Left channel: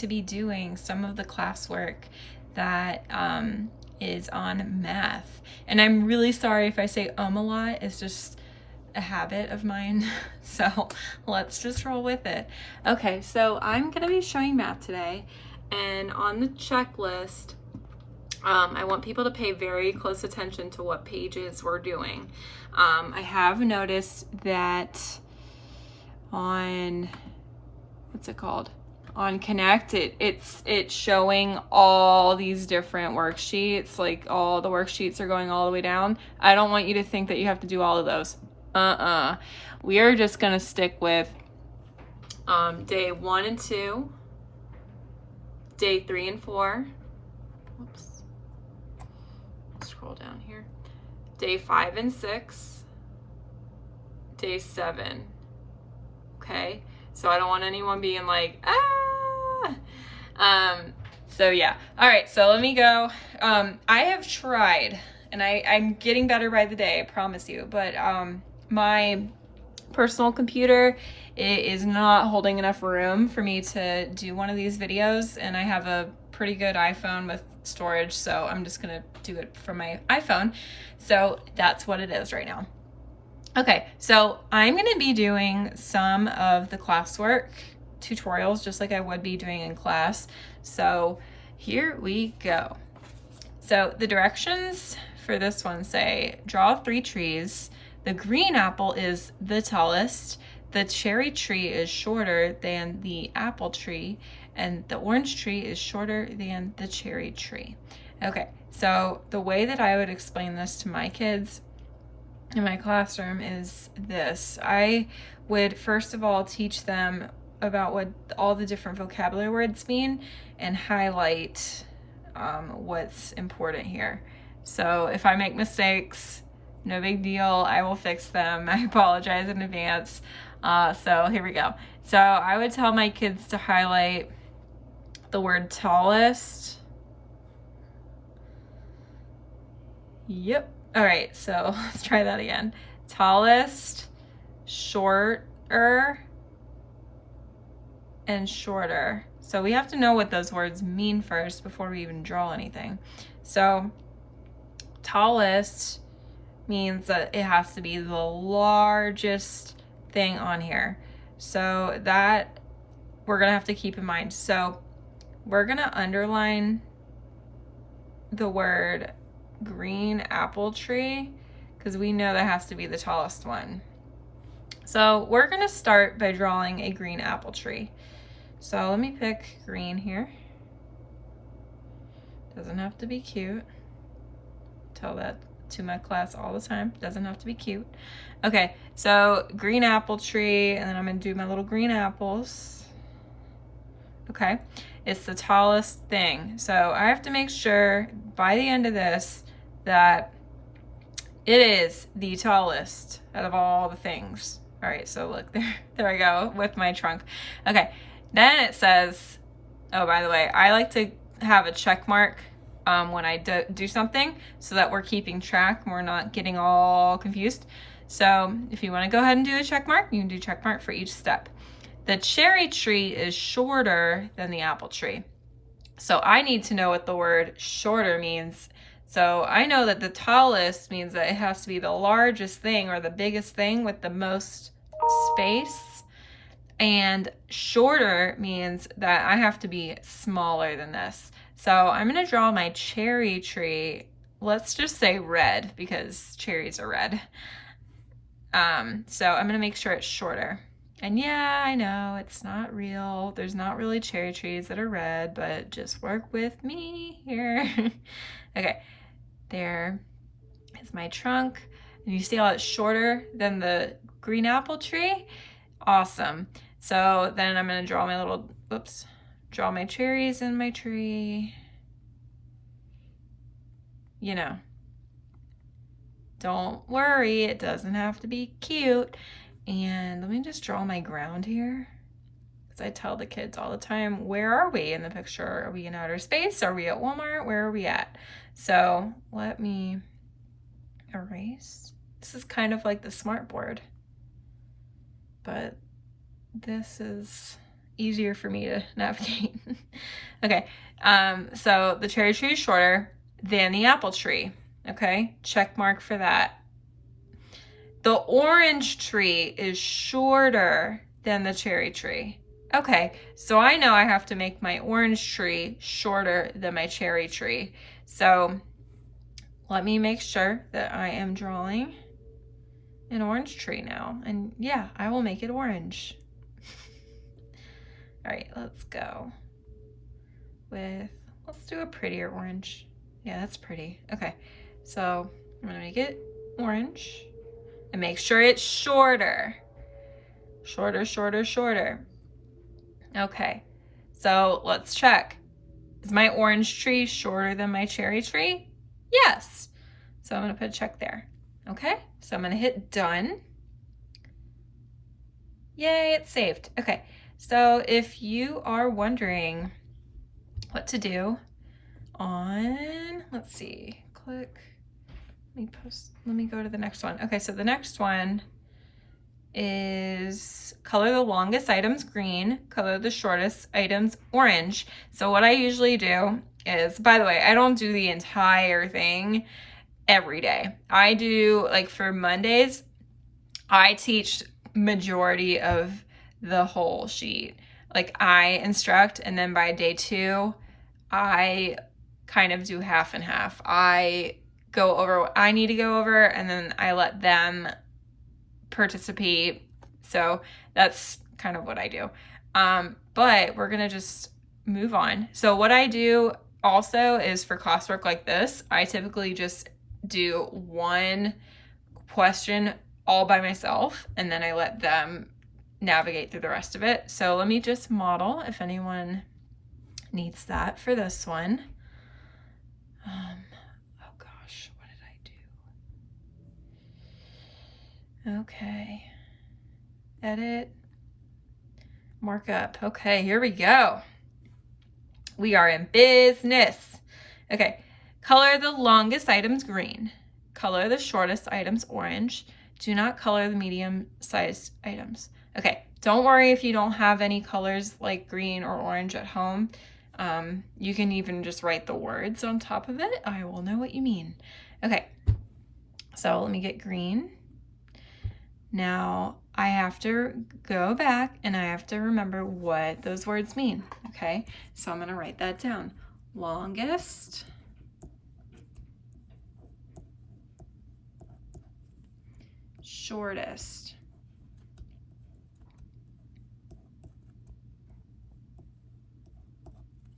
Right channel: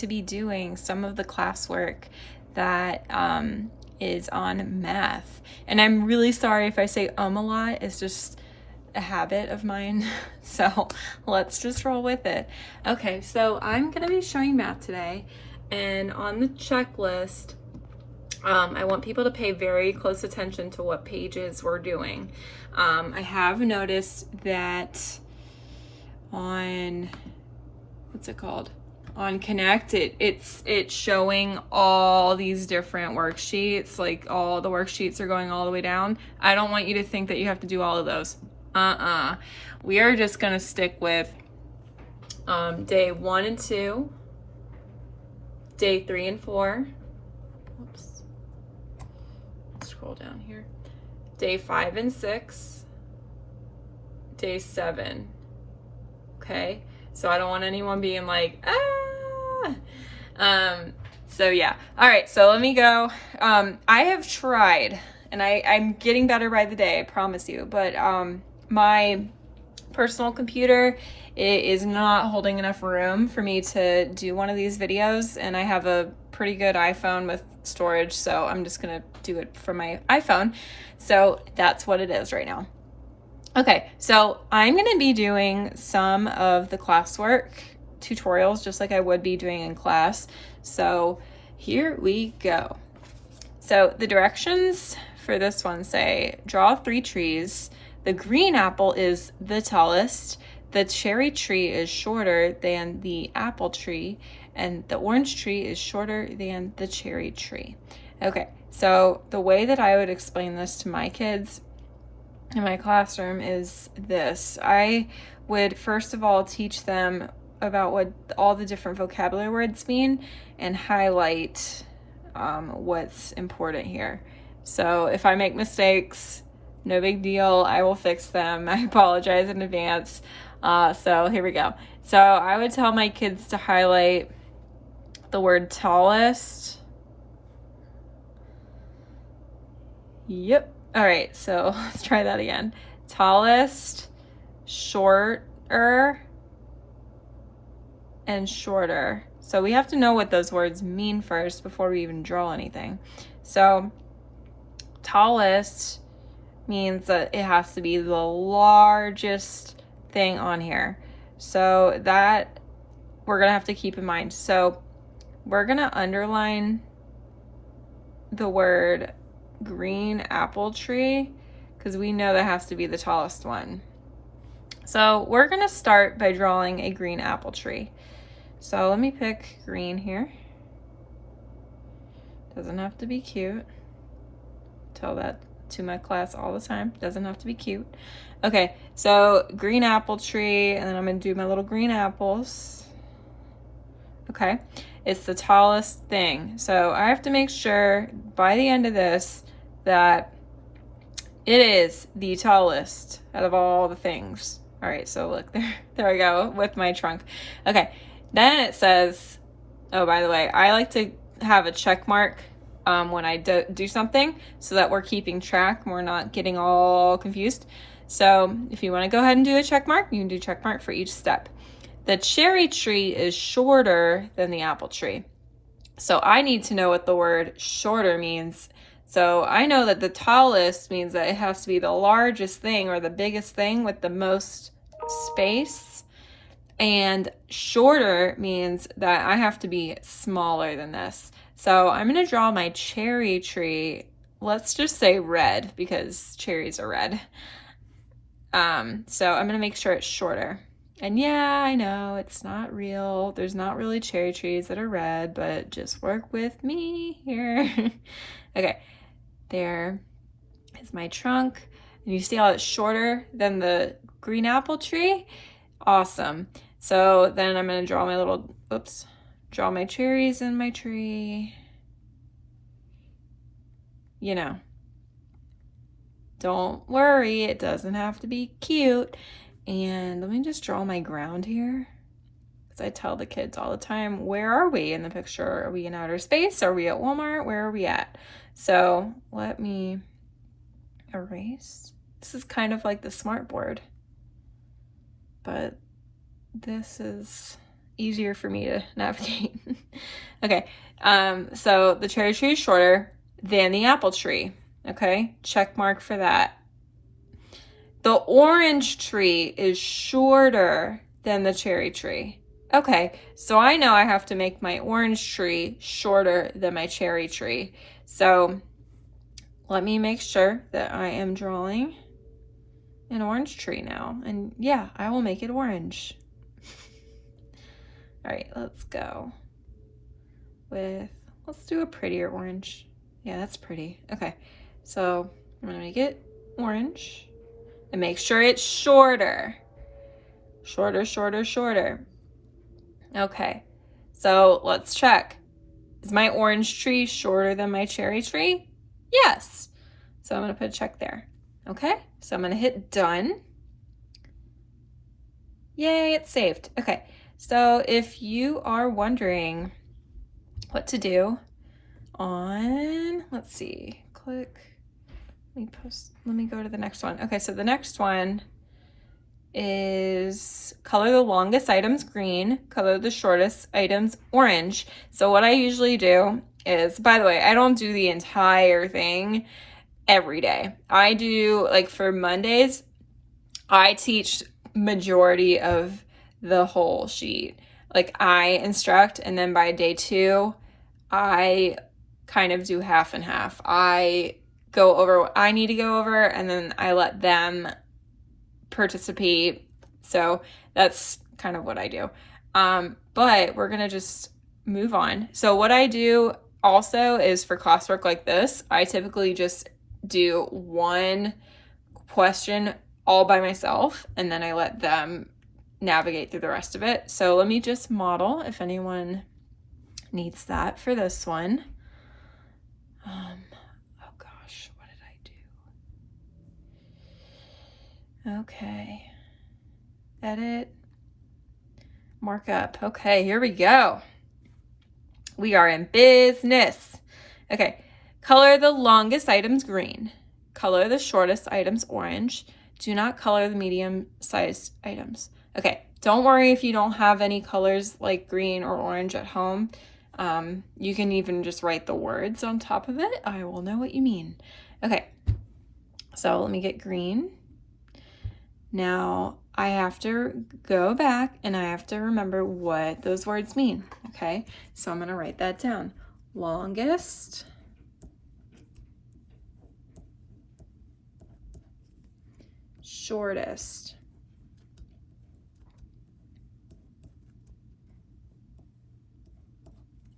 to be doing some of the classwork that is on math. And I'm really sorry if I say a lot. It's just a habit of mine. So let's just roll with it. Okay, so I'm gonna be showing math today, and on the checklist, I want people to pay very close attention to what pages we're doing. I have noticed that on, what's it called? On Connect, it's showing all these different worksheets, like all the worksheets are going all the way down. I don't want you to think that you have to do all of those. We are just gonna stick with day 1 and 2, day 3 and 4. Whoops. Scroll down here. Day 5 and 6, day 7. Okay, so I don't want anyone being like, so yeah. All right, so let me go. I have tried, and I'm getting better by the day, I promise you, but my personal computer is not holding enough room for me to do one of these videos, and I have a pretty good iPhone with storage, so I'm just gonna do it from my iPhone. So that's what it is right now. Okay, so I'm gonna be doing some of the classwork tutorials just like I would be doing in class. So here we go. So the directions for this one say, draw 3 trees. The green apple is the tallest. The cherry tree is shorter than the apple tree, and the orange tree is shorter than the cherry tree. Okay, so the way that I would explain this to my kids in my classroom is this. I would first of all teach them about what all the different vocabulary words mean and highlight what's important here. So if I make mistakes, no big deal, I will fix them. I apologize in advance. So here we go. So I would tell my kids to highlight the word tallest. Yep. All right, so let's try that again. Tallest, shorter, and shorter. So we have to know what those words mean first before we even draw anything. So tallest means that it has to be the largest thing on here. So that we're gonna have to keep in mind. So we're gonna underline the word green apple tree because we know that has to be the tallest one. So we're gonna start by drawing a green apple tree. So let me pick green here. Doesn't have to be cute. Tell that to my class all the time. Doesn't have to be cute. Okay, so green apple tree, and then I'm gonna do my little green apples. Okay, it's the tallest thing. So I have to make sure by the end of this that it is the tallest out of all the things. All right, so look, there I go with my trunk. Okay, then it says, oh, by the way, I like to have a check mark when I do something so that we're keeping track and we're not getting all confused. So if you want to go ahead and do a check mark, you can do check mark for each step. The cherry tree is shorter than the apple tree. So I need to know what the word shorter means. So I know that the tallest means that it has to be the largest thing or the biggest thing with the most space. And shorter means that I have to be smaller than this. So I'm gonna draw my cherry tree. Let's just say red because cherries are red. So I'm gonna make sure it's shorter. And yeah, I know it's not real. There's not really cherry trees that are red, but just work with me here. Okay, there is my trunk. And you see how it's shorter than the green apple tree? Awesome. So then I'm gonna draw my little, draw my cherries in my tree. You know, don't worry, it doesn't have to be cute. And let me just draw my ground here. Because I tell the kids all the time, where are we in the picture? Are we in outer space? Are we at Walmart? Where are we at? So let me erase. This is kind of like the smart board, but this is easier for me to navigate. Okay, so the cherry tree is shorter than the apple tree. Okay, check mark for that. The orange tree is shorter than the cherry tree. Okay, so I know I have to make my orange tree shorter than my cherry tree. So let me make sure that I am drawing an orange tree now. And yeah, I will make it orange. All right, let's go with, let's do a prettier orange. Yeah, that's pretty. Okay, so I'm gonna make it orange and make sure it's shorter. Shorter, shorter, shorter. Okay, so let's check. Is my orange tree shorter than my cherry tree? Yes. So I'm gonna put a check there. Okay, so I'm gonna hit done. Yay, it's saved. Okay, so if you are wondering what to do on, let's see, click, let me go to the next one. Okay, so the next one is color the longest items green, color the shortest items orange. So what I usually do is, by the way, I don't do the entire thing every day. I do, like for Mondays, I teach majority of the whole sheet. Like I instruct, and then by day 2, I kind of do half and half. I go over what I need to go over, and then I let them participate. So that's kind of what I do. But we're gonna just move on. So what I do also is for classwork like this, I typically just do one question all by myself, and then I let them navigate through the rest of it. So let me just model if anyone needs that for this one. Oh gosh, what did I do? Okay, edit, markup. Okay, here we go. We are in business. Okay, color the longest items green, color the shortest items orange. Do not color the medium-sized items. Okay, don't worry if you don't have any colors like green or orange at home. You can even just write the words on top of it. I will know what you mean. Okay, so let me get green. Now I have to go back and I have to remember what those words mean. Okay, so I'm gonna write that down. Longest, shortest,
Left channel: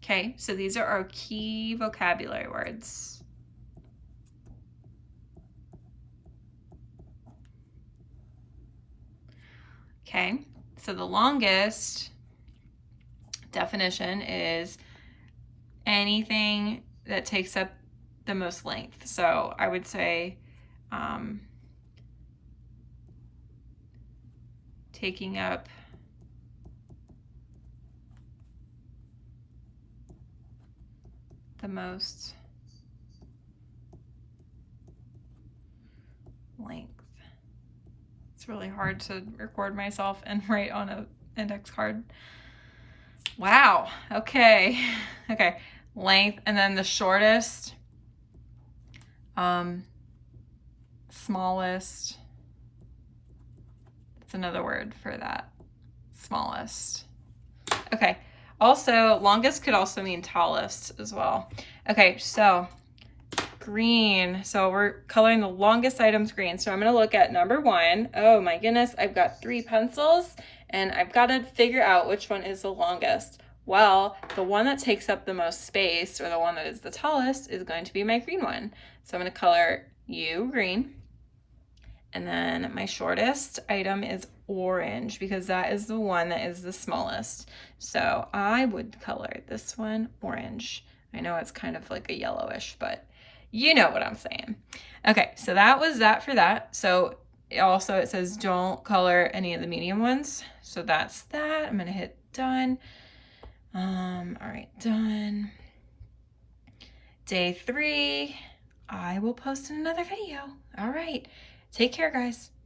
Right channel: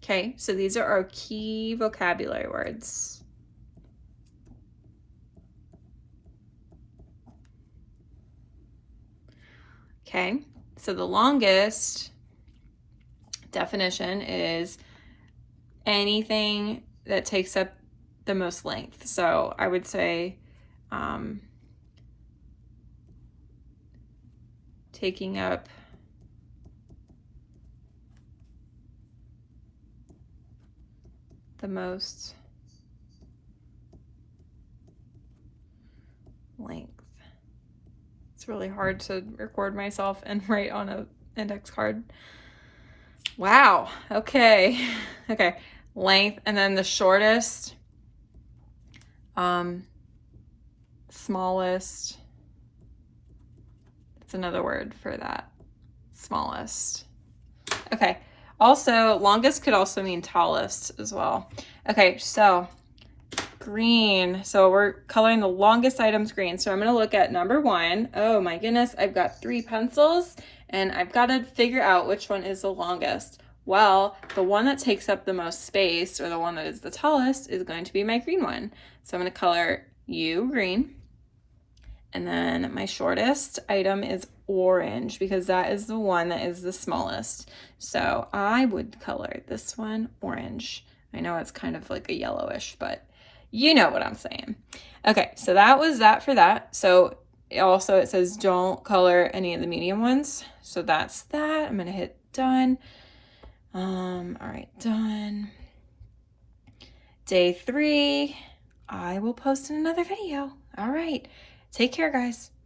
okay, so these are our key vocabulary words. Okay, so the longest definition is anything that takes up the most length. So I would say taking up the most length. It's really hard to record myself and write on an index card. Wow, okay. Okay, length, and then the shortest, smallest. That's another word for that, smallest. Okay, also longest could also mean tallest as well. Okay, so green. So we're coloring the longest items green. So I'm gonna look at number 1. Oh my goodness, I've got 3 pencils and I've got to figure out which one is the longest. Well, the one that takes up the most space, or the one that is the tallest, is going to be my green one. So I'm gonna color U green. And then my shortest item is orange, because that is the one that is the smallest. So I would color this one orange. I know it's kind of like a yellowish, but you know what I'm saying. Okay, so that was that for that. So also it says don't color any of the medium ones. So that's that. I'm gonna hit done. All right, done. Day 3, I will post another video. All right, take care, guys.